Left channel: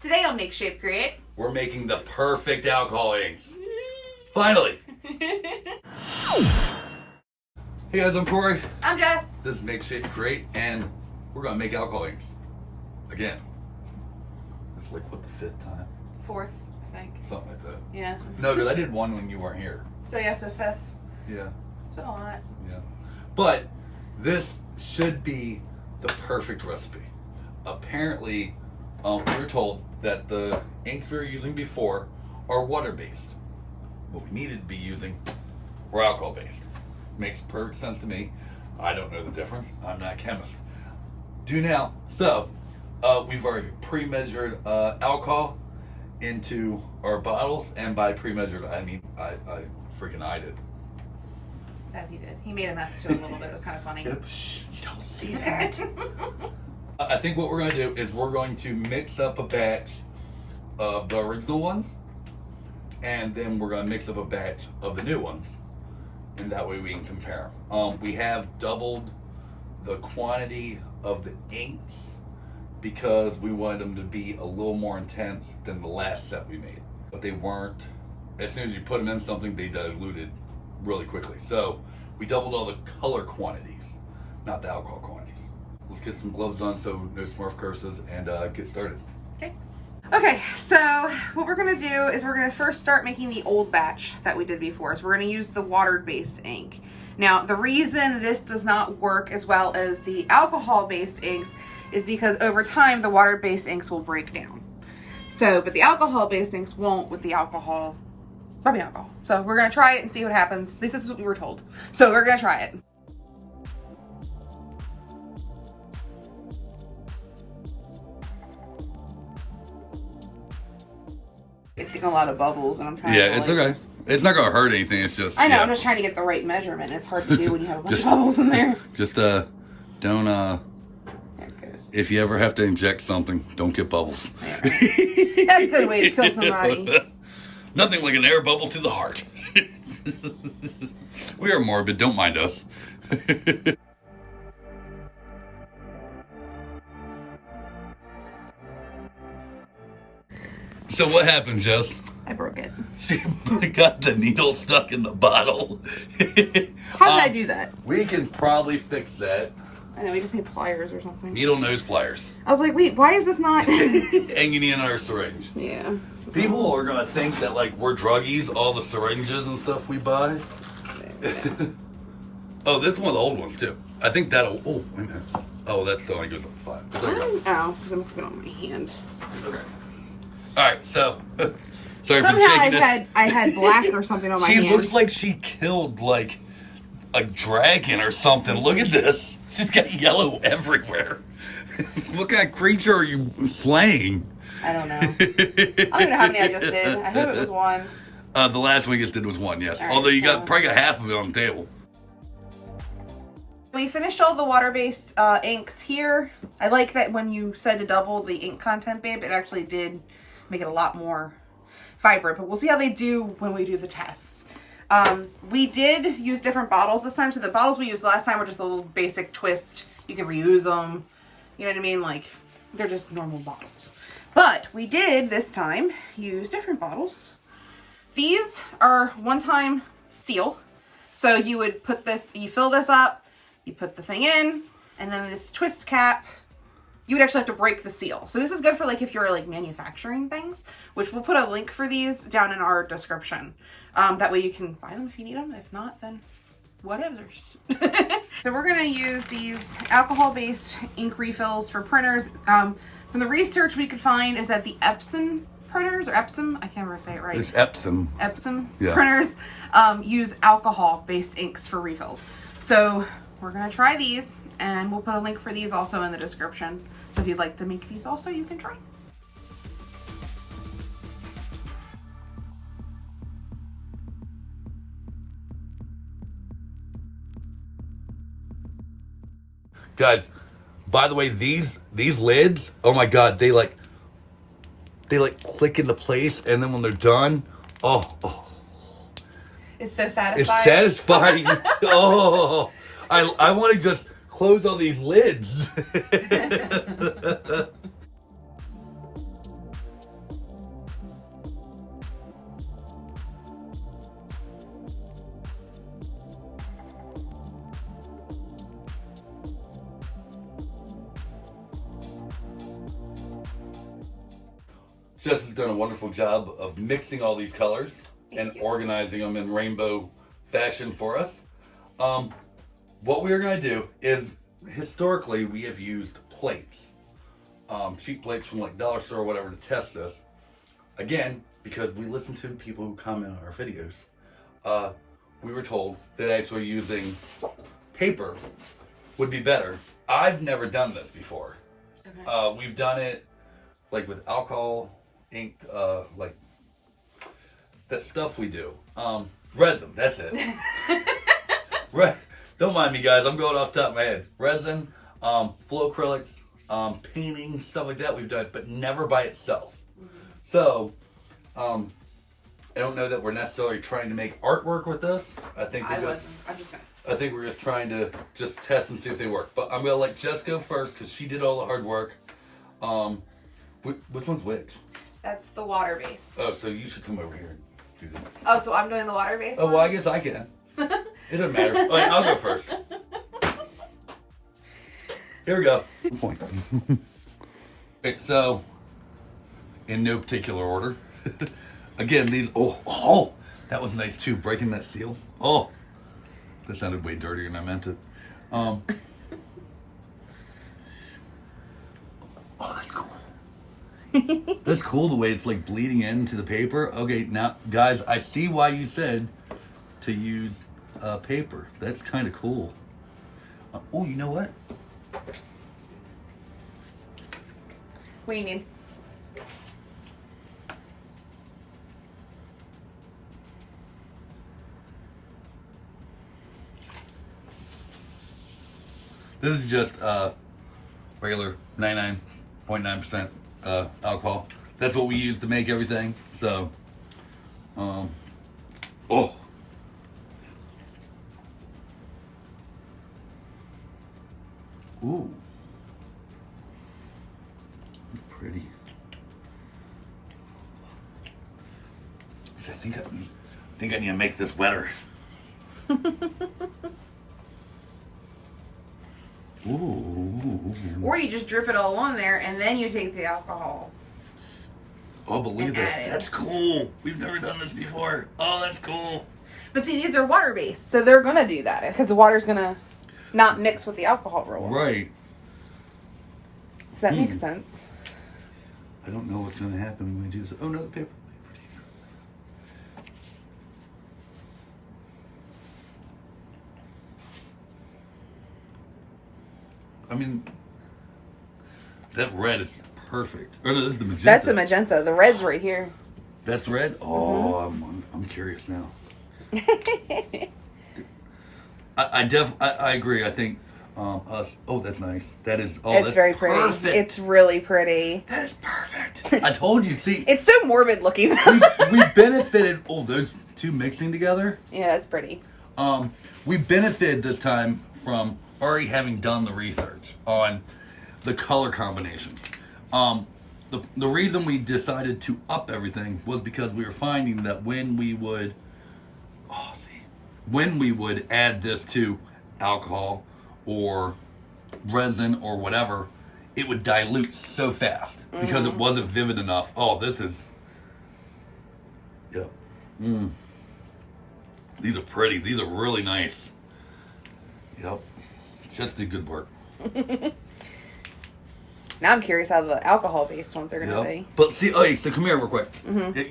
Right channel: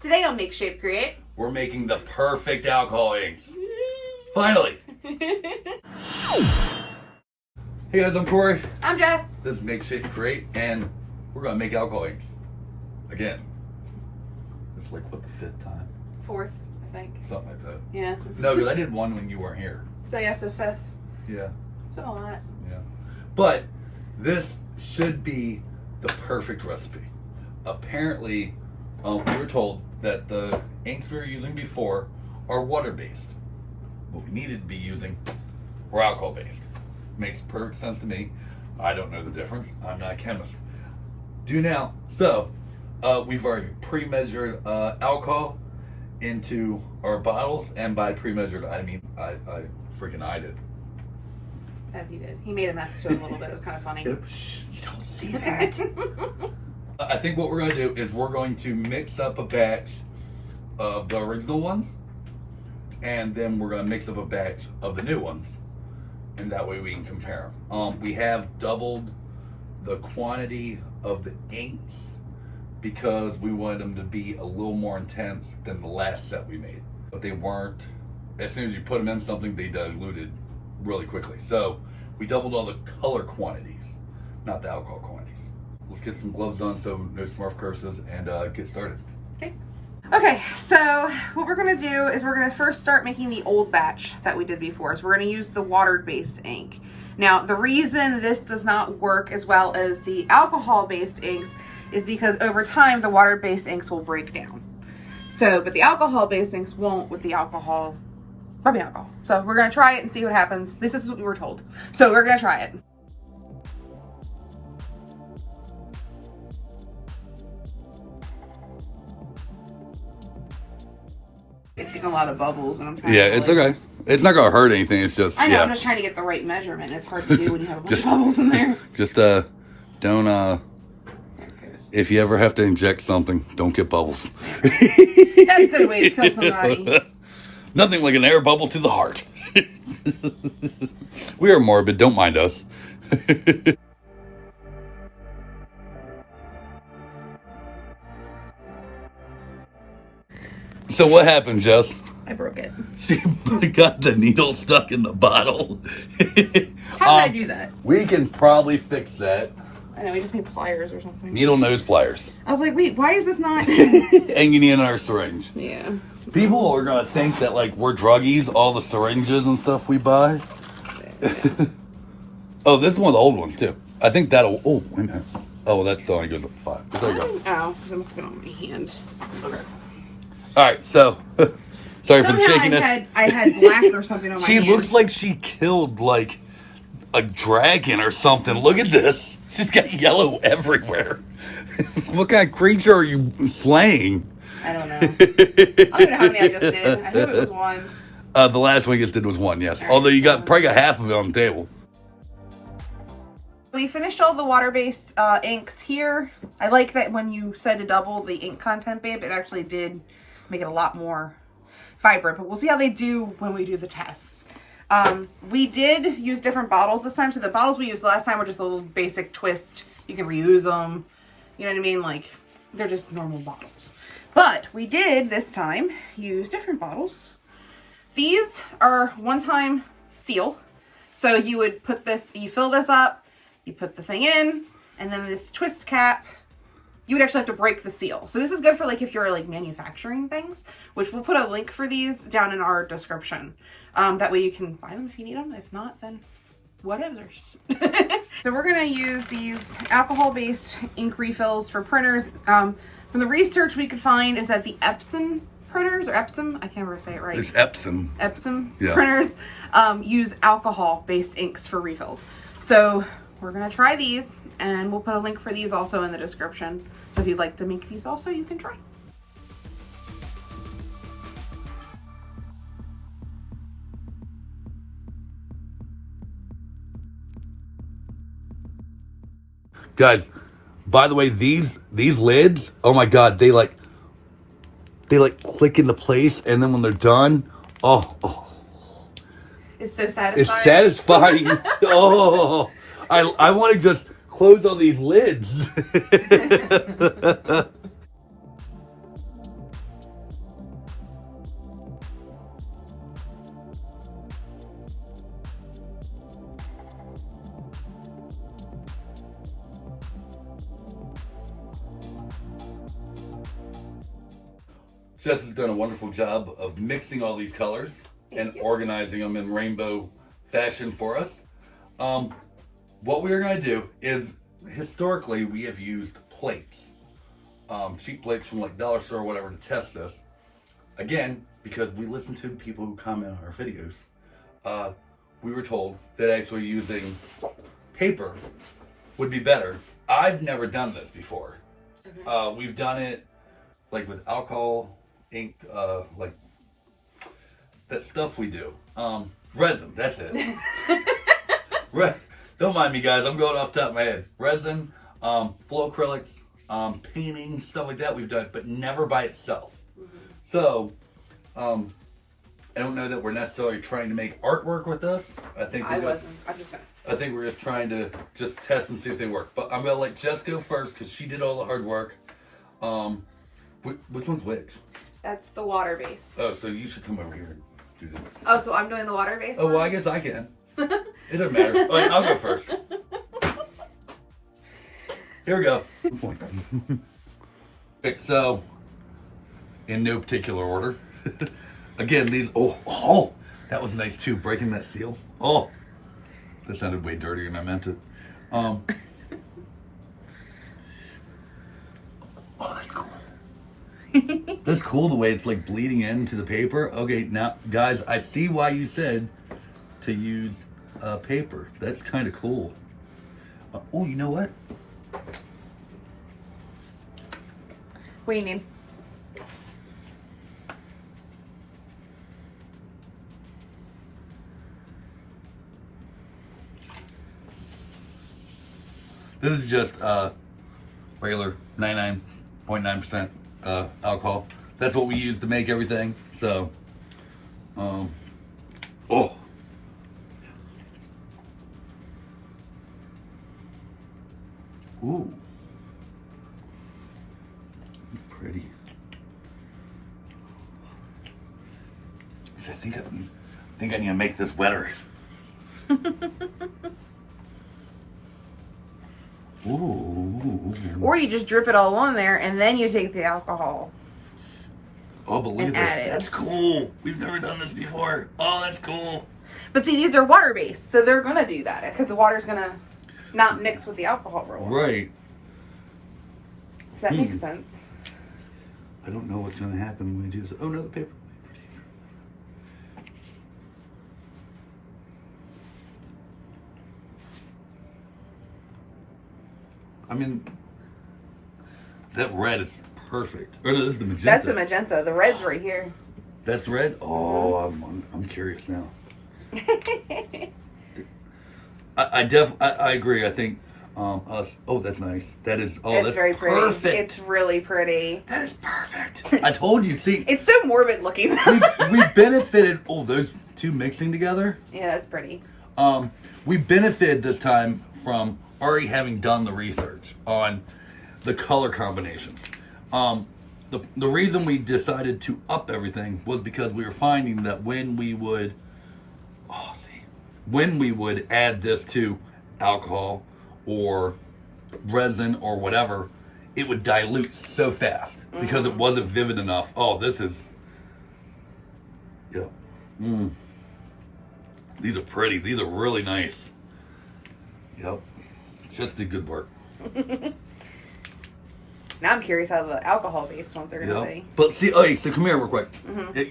Today on Make Shape Create, we're making the perfect alcohol inks. Finally. Hey guys, I'm Corey. I'm Jess. This is Make Shape Create, and we're gonna make alcohol inks again. It's like what, the fifth time? Fourth, I think. Something like that. Yeah. No, because I did one when you weren't here. So yeah, so fifth. Yeah. It's been a lot. Yeah. But this should be the perfect recipe. Apparently, we were told that the inks we were using before are water-based. What we needed to be using were alcohol-based. Makes perfect sense to me. I don't know the difference. I'm not a chemist. Do now. So, we've already pre-measured alcohol into our bottles, and by pre-measured, I mean I freaking I did. That he did. He made a mess to it a little bit. It was kind of funny. Oops, you don't see that. I think what we're going to do is we're going to mix up a batch of the original ones, and then we're going to mix up a batch of the new ones, and that way we can compare them. We have doubled the quantity of the inks because we wanted them to be a little more intense than the last set we made. But they weren't, as soon as you put them in something, they diluted really quickly. So we doubled all the color quantities, not the alcohol quantities. Let's get some gloves on so no Smurf curses and get started. Okay, so what we're gonna do is we're gonna first start making the old batch that we did before. So we're gonna use the water-based ink. Now, the reason this does not work as well as the alcohol-based inks is because over time, the water-based inks will break down. So, but the alcohol-based inks won't with the rubbing alcohol. So we're gonna try it and see what happens. This is what we were told. So we're gonna try it. It's getting a lot of bubbles, and I'm trying. Yeah, it's okay. It's not gonna hurt anything. It's just. I know. Yeah. I'm just trying to get the right measurement. It's hard to do when you have a bunch of bubbles in there. Just don't if you ever have to inject something, don't get bubbles. Yeah. That's a good way to kill somebody. Nothing like an air bubble to the heart. We are morbid. Don't mind us. So what happened, Jess? I broke it. She got the needle stuck in the bottle. How did I do that? We can probably fix that. I know, we just need pliers or something. Needle nose pliers. I was like, wait, why is this not? And you need another syringe. Yeah. People are gonna think that like we're druggies, all the syringes and stuff we buy. Yeah. Oh, this is one of the old ones too. I think that'll. Oh, wait a minute. Oh, well, that only goes up to 5. There you go. Oh, because it must have been on my hand. Okay. All right, so sorry for the shakiness. I had black or something on my hand. She looks like she killed like a dragon or something. Look at this. She's got yellow everywhere. What kind of creature are you slaying? I don't know. I don't know how many I just did. I hope it was one. The last one you just did was 1, yes. Right, Although you so probably got half of it on the table. We finished all the water-based inks here. I like that when you said to double the ink content, babe, it actually did make it a lot more vibrant, but we'll see how they do when we do the tests. We did use different bottles this time. So the bottles we used last time were just a little basic twist. You can reuse them. You know what I mean? Like, they're just normal bottles. But we did this time use different bottles. These are one-time seal. So you would put this, you fill this up, you put the thing in, and then this twist cap, you would actually have to break the seal. So this is good for like if you're like manufacturing things, which we'll put a link for these down in our description. That way you can buy them if you need them. If not, then whatever. So we're gonna use these alcohol-based ink refills for printers. From the research we could find is that the EPSOM printers, or EPSOM, I can't ever say it right. It's EPSOM. EPSOM Yeah. printers use alcohol-based inks for refills. So we're gonna try these, and we'll put a link for these also in the description. So if you'd like to make these also, you can try. Guys, by the way, these lids, oh my god, they like click into place, and then when they're done, oh. It's so satisfying. It's satisfying. Oh, I want to just close all these lids. Jess has done a wonderful job of mixing all these colors and organizing them in rainbow fashion for us. What we are going to do is, historically, we have used plates. Cheap plates from like dollar store or whatever to test this. Again, because we listen to people who comment on our videos, we were told that actually using paper would be better. I've never done this before. Okay. We've done it like with alcohol, ink, like that stuff we do. Resin, that's it. Don't mind me, guys. I'm going off the top of my head. Resin, flow acrylics, painting, stuff like that we've done, but never by itself. Mm-hmm. So, I don't know that we're necessarily trying to make artwork with this. I think we're just trying to just test and see if they work. But I'm gonna let Jess go first because she did all the hard work. Which one's which? That's the water base. Oh, so you should come over here and do this. Oh, so I'm doing the water base? Oh, well, I guess I can. It doesn't matter. All right, I'll go first. Here we go. Okay, so, in no particular order. Again, these, oh, that was nice too, breaking that seal. Oh, that sounded way dirtier than I meant it. Oh, that's cool. That's cool the way it's like bleeding into the paper. Okay, now, guys, I see why you said to use paper. That's kind of cool. Oh, you know what? What do you need? This is just regular 99.9% alcohol. That's what we use to make everything. So, oh. Ooh. Pretty. I think I need to make this wetter. Ooh. Or you just drip it all on there and then you take the alcohol. Oh, but look at that. That's cool. We've never done this before. Oh, that's cool. But see, these are water based, so they're gonna do that because the water's gonna not mix with the alcohol real well. Right. So that makes sense. I don't know what's gonna happen when we do this. Oh no, the paper. I mean, that red is perfect. Or no, this is the magenta. That's the magenta. The red's right here. That's red? Oh, I'm curious now. I agree. I think us. Oh, that's nice. That is. Oh, that's very perfect. Pretty. It's really pretty. That is perfect. I told you. See, it's so morbid looking. we benefited. Oh, those two mixing together. Yeah, that's pretty. We benefited this time from already having done the research on the color combinations. The reason we decided to up everything was because we were finding that when we would add this to alcohol or resin or whatever, it would dilute so fast because it wasn't vivid enough. Oh, this is, yeah. These are pretty. These are really nice. Yep. Just did good work. Now I'm curious how the alcohol-based ones are going to be. But see, okay, so come here real quick.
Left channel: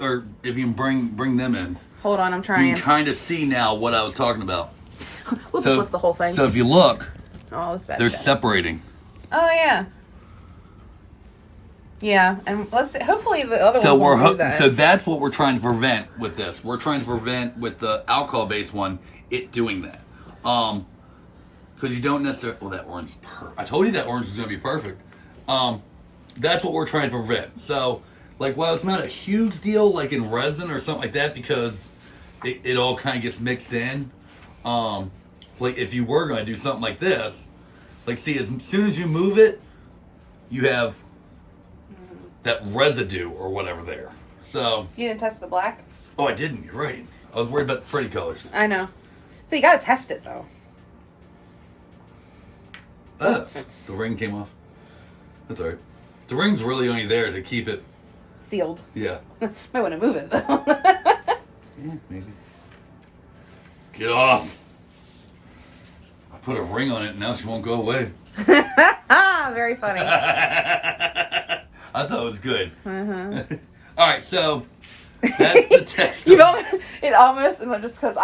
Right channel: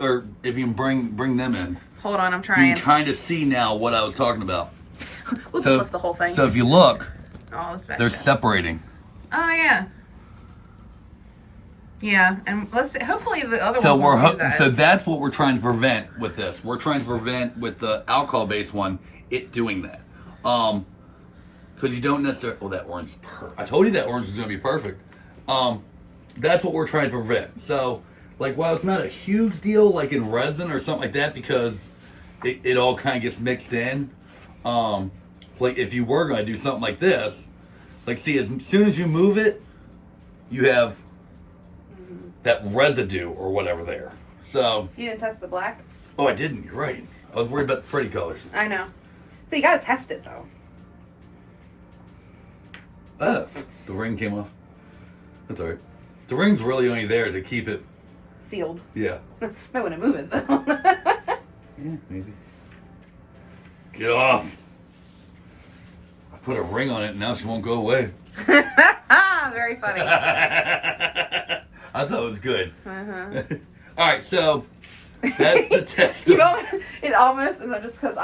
Or if you can bring them in. Hold on, I'm trying. You can kind of see now what I was talking about. We'll just lift the whole thing. So if you look, they're separating. Oh, yeah. Yeah, and let's see, hopefully the other ones won't do that. So that's what we're trying to prevent with this. We're trying to prevent with the alcohol-based one, it doing that. Because you don't necessarily... Oh, that orange is perfect. I told you that orange was going to be perfect. That's what we're trying to prevent. So, like, while it's not a huge deal, like in resin or something like that, because it all kind of gets mixed in. Like, if you were going to do something like this, like, see, as soon as you move it, you have that residue or whatever there. So... You didn't test the black? Oh, I didn't. You're right. I was worried about the pretty colors. I know. So you got to test it, though. The ring came off. That's alright. The ring's really only there to keep it sealed. Yeah. Might want to move it though. Yeah, maybe. Get off. I put a ring on it and now she won't go away. Very funny. I thought it was good. All right, so that's the test. Of... It almost, and just because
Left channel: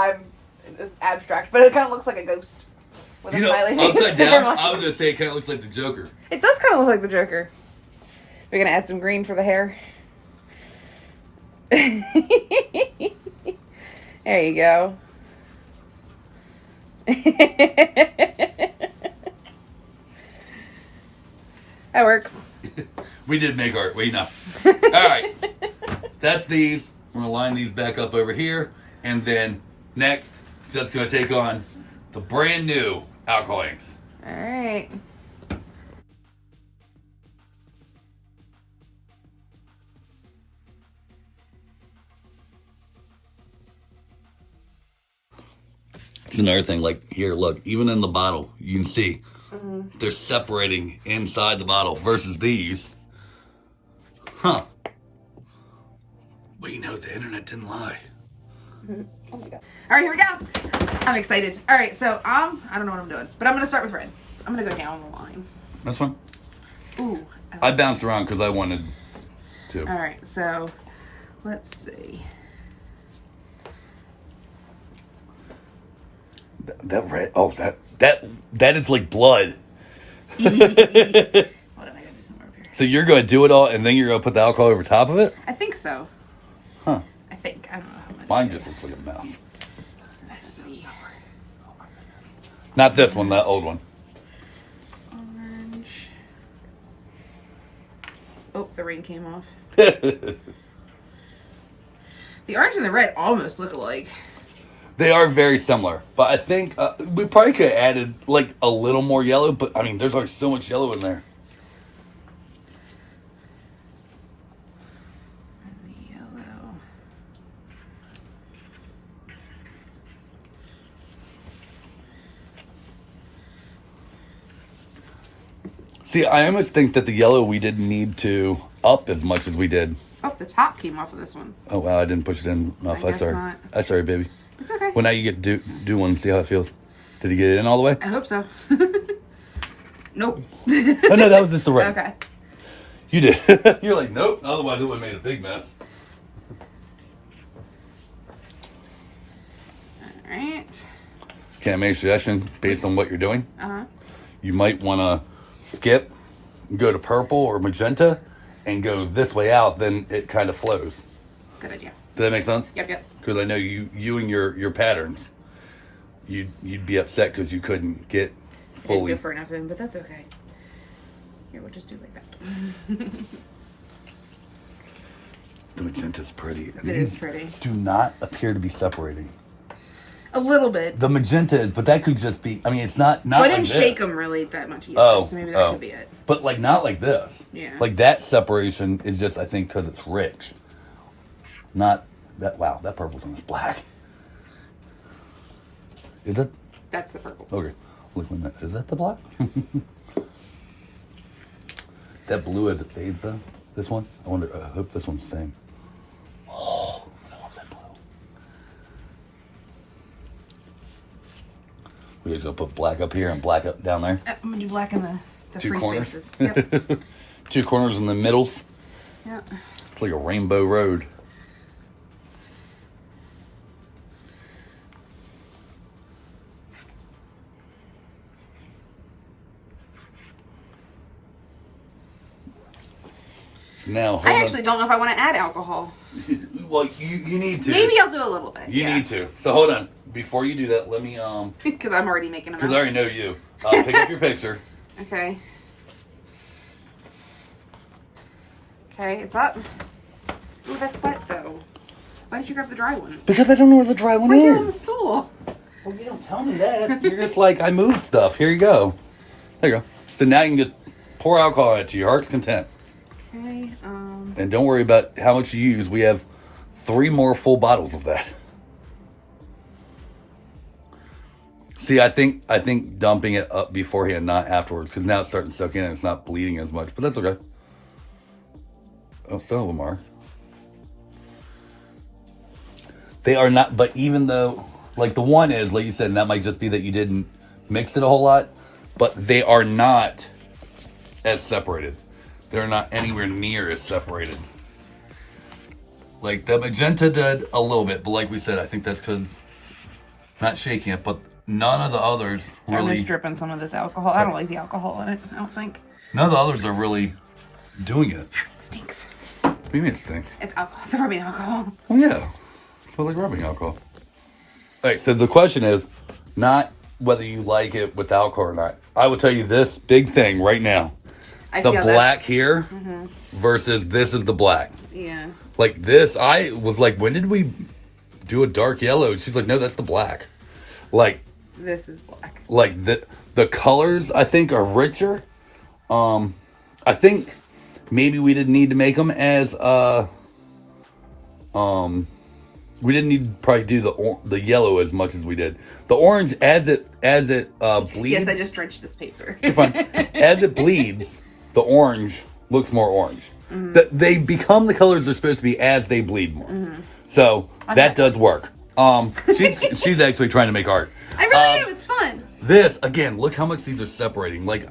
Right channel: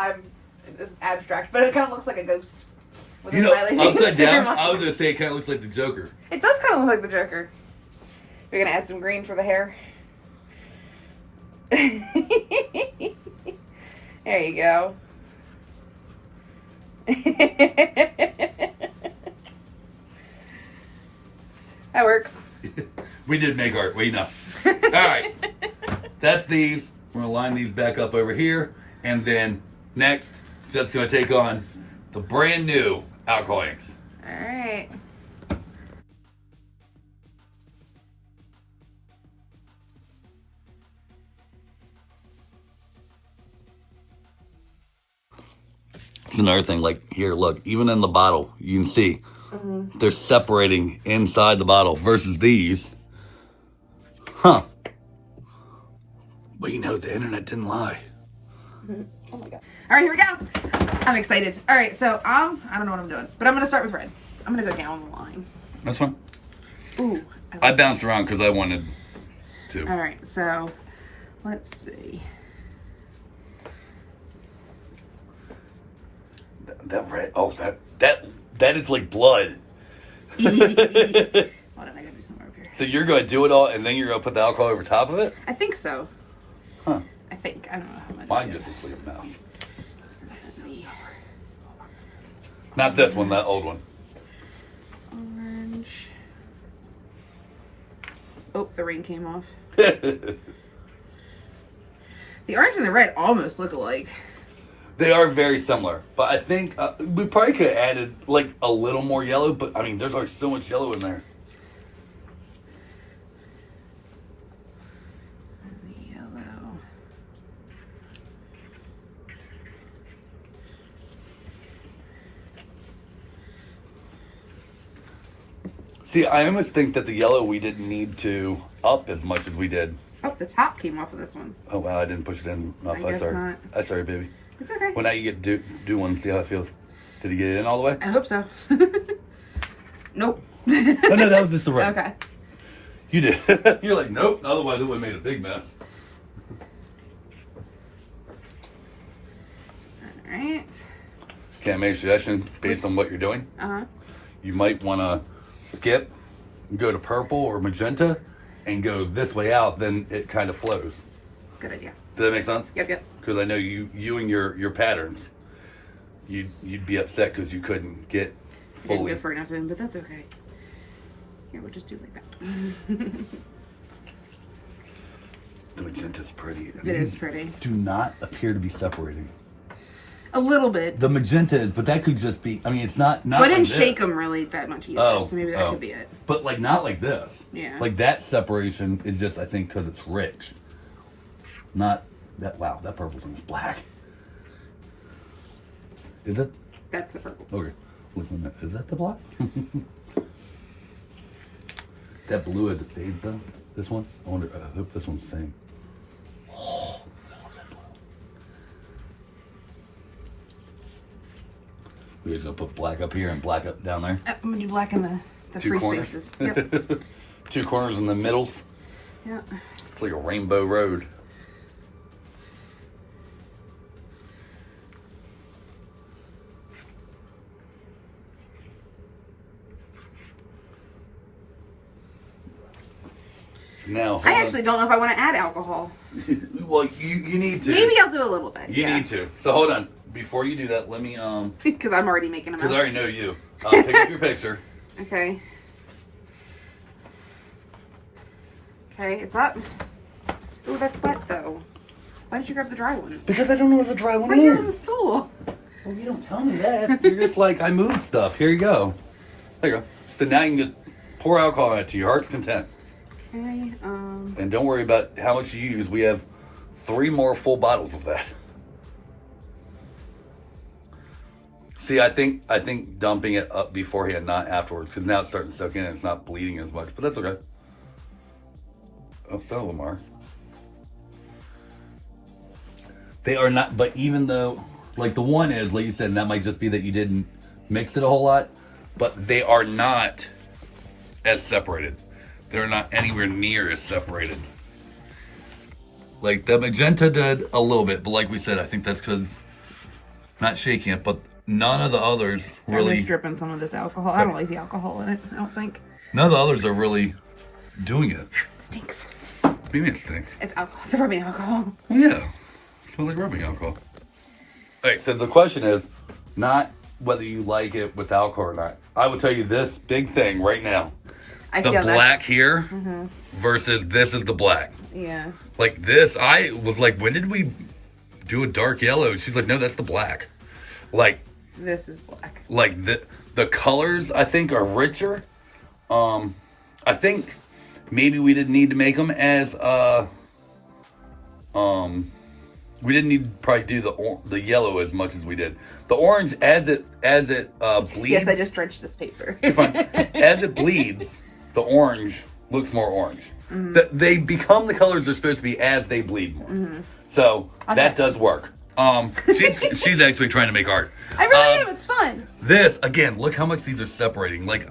it's abstract, but it kind of looks like a ghost. You know, upside down, I was going to say it kind of looks like the Joker. It does kind of look like the Joker. We're going to add some green for the hair. There you go. That works. We did make art. Wait, no. All right. That's these. We're going to line these back up over here. And then next, just going to take on the brand new alcohol inks. All right. It's another thing, like here, look, even in the bottle, you can see they're separating inside the bottle versus these. Huh. Well, you know, the internet didn't lie. Oh my God. All right, here we go. I'm excited. All right, so I don't know what I'm doing, but I'm going to start with red. I'm going to go down the line. That's fine. Ooh. I bounced around because I wanted to. All right, so let's see. That red, oh, that is like blood. Hold on, I gotta do somewhere over here. So you're going to do it all, and then you're going to put the alcohol over top of it? I think so. Huh. I think. I don't know how much. Mine just looks like a mess. Let's see. Not this one, that old one. Orange. Oh, the ring came off. They The orange and the red almost look alike. are very similar, but I think we probably could have added like a little more yellow, but I mean, there's already so much yellow in there. The yellow. See, I almost think that the yellow we didn't need to up as much as we did. Oh, the top came off of this one. Oh, wow, I didn't push it in. No, I guess not. I'm sorry, baby. It's okay. Well, now you get do one, see how it feels. Did he get it in all the way? I hope so. Nope. Oh, no, that was just the right. Okay. You did. You're like, nope. Otherwise, it would have made a big mess. All right. Can I make a suggestion based on what you're doing? Uh-huh. You might want to skip, go to purple or magenta, and go this way out. Then it kind of flows. Good idea. Does that make sense? Yep. Because I know you and your patterns, you'd be upset because you couldn't get I didn't fully. go for nothing, but that's okay. Here, we'll just do like that. The magenta's pretty. It is pretty. Do not appear to be separating. A little bit. The magenta is, but that could just be. I mean, it's not. But I didn't like shake this. them really that much either, Oh, so maybe that could be it. But like not like this. Yeah. Like that separation is just, I think, because it's rich. Not that. Wow, that purple's almost black. Is it? That's the purple. Okay. Look a minute. Is that the black? That blue as it fades though. This one. I wonder. I hope this one's the same. Oh, I love that blue. We just gonna put black up here and black up down there. I'm gonna do black in the Two free corners. spaces. Yep. 2 corners in the middles. Yeah. It's like a rainbow road. Now, I actually don't know if I want to add alcohol. well, you need to. Maybe I'll do a little bit. You need to. So hold on. Before you do that, let me Because I'm already making a mess. because I already know you. Pick up your picture. Okay. Okay, it's up. Ooh, that's wet though. Why didn't you grab the dry one? Because I don't know where the dry one Right here on the is. stool. Well, you don't tell me that. You're just like, I moved stuff. Here you go. There you go. So now you can just pour alcohol in it to your heart's content. Okay. And don't worry about how much you use. We have 3 more full bottles of that. See, I think dumping it up beforehand, not afterwards, because now it's starting to soak in and it's not bleeding as much. But that's okay. Oh, some of them are. They are not, but even though, like the one is, like you said, and that might just be that you didn't mix it a whole lot, but they are not as separated. They're not anywhere near as separated. Like the Magenta did a little bit, but like we said, I think that's because not shaking it, but none of the others really. I'm just dripping some of this alcohol. I don't like the alcohol in it. I don't think. None of the others are really doing it. It stinks. What do you mean it stinks? It's alcohol. It's rubbing alcohol. Oh yeah, it smells like rubbing alcohol. All right, so the question is not whether you like it with alcohol or not. I will tell you this big thing right now. The black here versus this is the black. Yeah. Like this, I was like, when did we do a dark yellow? She's like, no, that's the black. Like this is black. Like the colors I think are richer. I think maybe we didn't need to make them as we didn't need to probably do the yellow as much as we did. The orange as it bleeds. Yes, I just drenched this paper. As it bleeds, the orange looks more orange. They become the colors they're supposed to be as they bleed more. So that does work. She's actually trying to make art. I really am. It's fun. This again, look how much these are separating. Like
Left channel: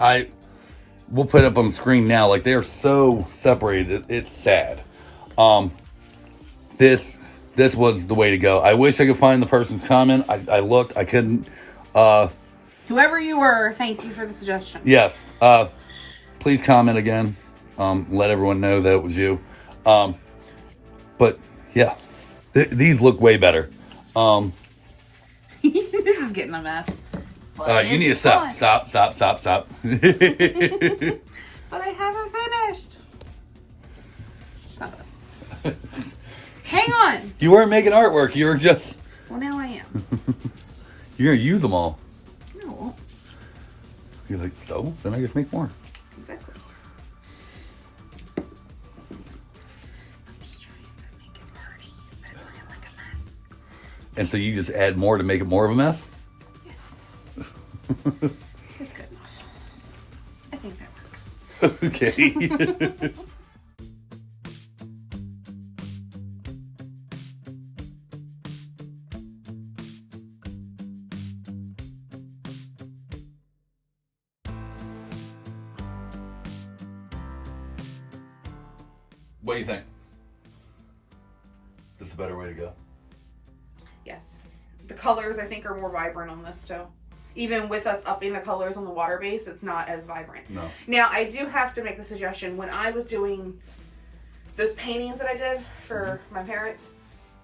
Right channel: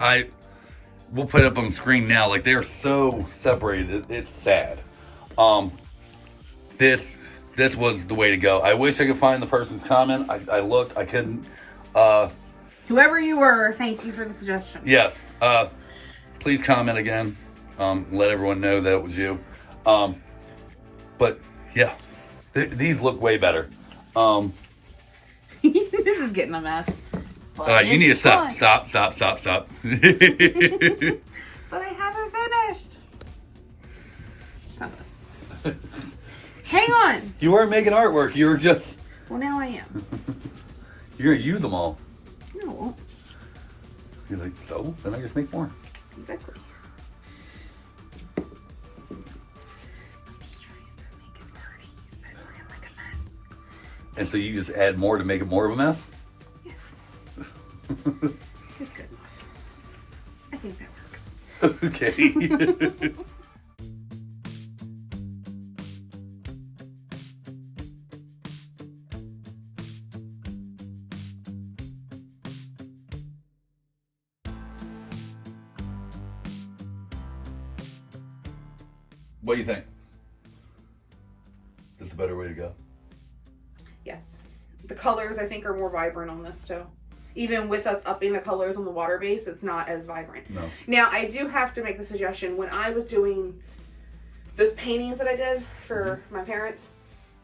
we'll put it up on the screen now. Like they are so separated, it's sad. This was the way to go. I wish I could find the person's comment. I looked, I couldn't. Whoever you were, thank you for the suggestion. Yes. Please comment again. Let everyone know that it was you. But yeah, these look way better. This is getting a mess. You need to stop. Stop. But I haven't finished. It's not gonna... Hang on. You weren't making artwork. You were just... Well, now I am. You're going to use them all. No, I won't. You're like, so? Then I get to make more. Exactly. I'm just trying to make it pretty, but it's looking like a mess. And so you just add more to make it more of a mess? Yes. It's good enough. I think that works. Okay. What do you think? Is this a better way to go? Yes. The colors, I think, are more vibrant on this, too. Even with us upping the colors on the water base, it's not as vibrant. No. Now, I do have to make the suggestion. When I was doing those paintings that I did for my parents,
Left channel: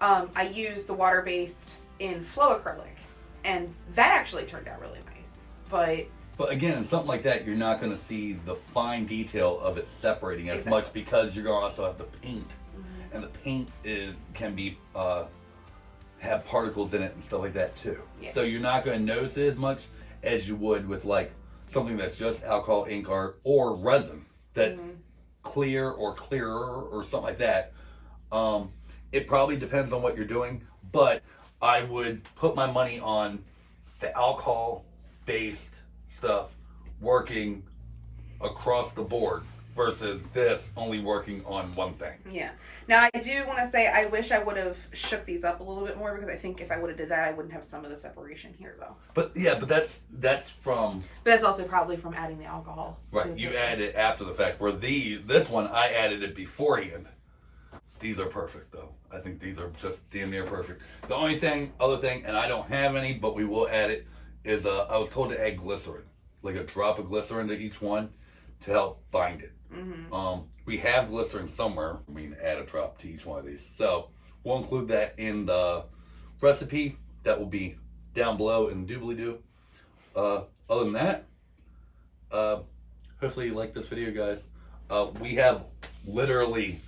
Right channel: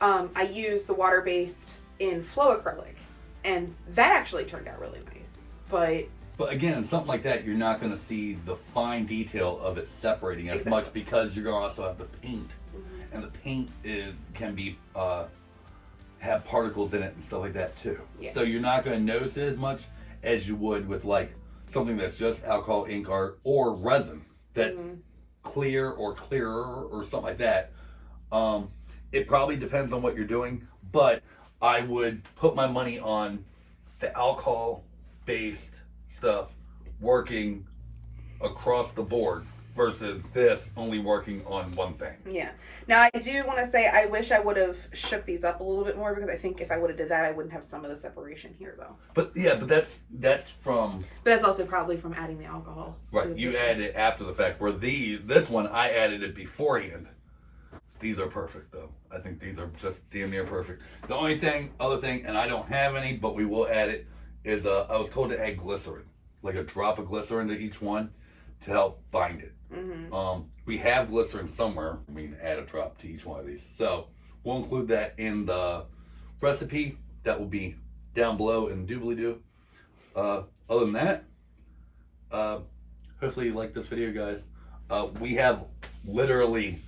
I used the water-based in flow acrylic. And that actually turned out really nice. But again, in something like that, you're not going to see the fine detail of it separating as much because you're going to also have the paint, and the paint can be have particles in it and stuff like that too. Yeah. So you're not going to notice it as much as you would with like something that's just alcohol, ink art, or resin that's clear or clearer or something like that. It probably depends on what you're doing, but I would put my money on the alcohol-based stuff working across the board versus this only working on one thing. Yeah. Now I do want to say I wish I would have shook these up a little bit more, because I think if I would have did that, I wouldn't have some of the separation here though. But yeah, but that's from. But that's also probably from adding the alcohol. Right. You added it after the fact. Where this one I added it beforehand. These are perfect though. I think these are just damn near perfect. The only other thing, and I don't have any, but we will add it, is I was told to add glycerin, like a drop of glycerin to each one to help bind it. We have glycerin somewhere. We can add a drop to each one of these. So we'll include that in the recipe. That will be down below in the doobly-doo. Other than that, hopefully you like this video, guys. We have literally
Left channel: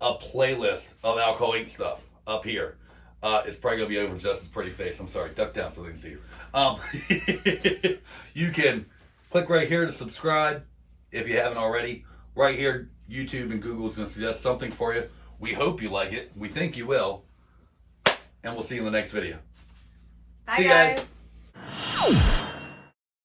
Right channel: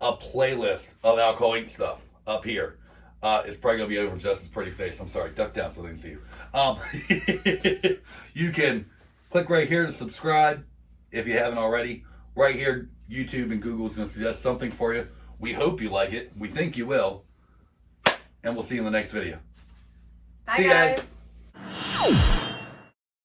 a playlist of alcohol ink stuff up here. It's probably gonna be over Justin's pretty face. I'm sorry, duck down so they can see you. You can click right here to subscribe if you haven't already. Right here, YouTube and Google is gonna suggest something for you. We hope you like it. We think you will. And we'll see you in the next video. Bye, guys.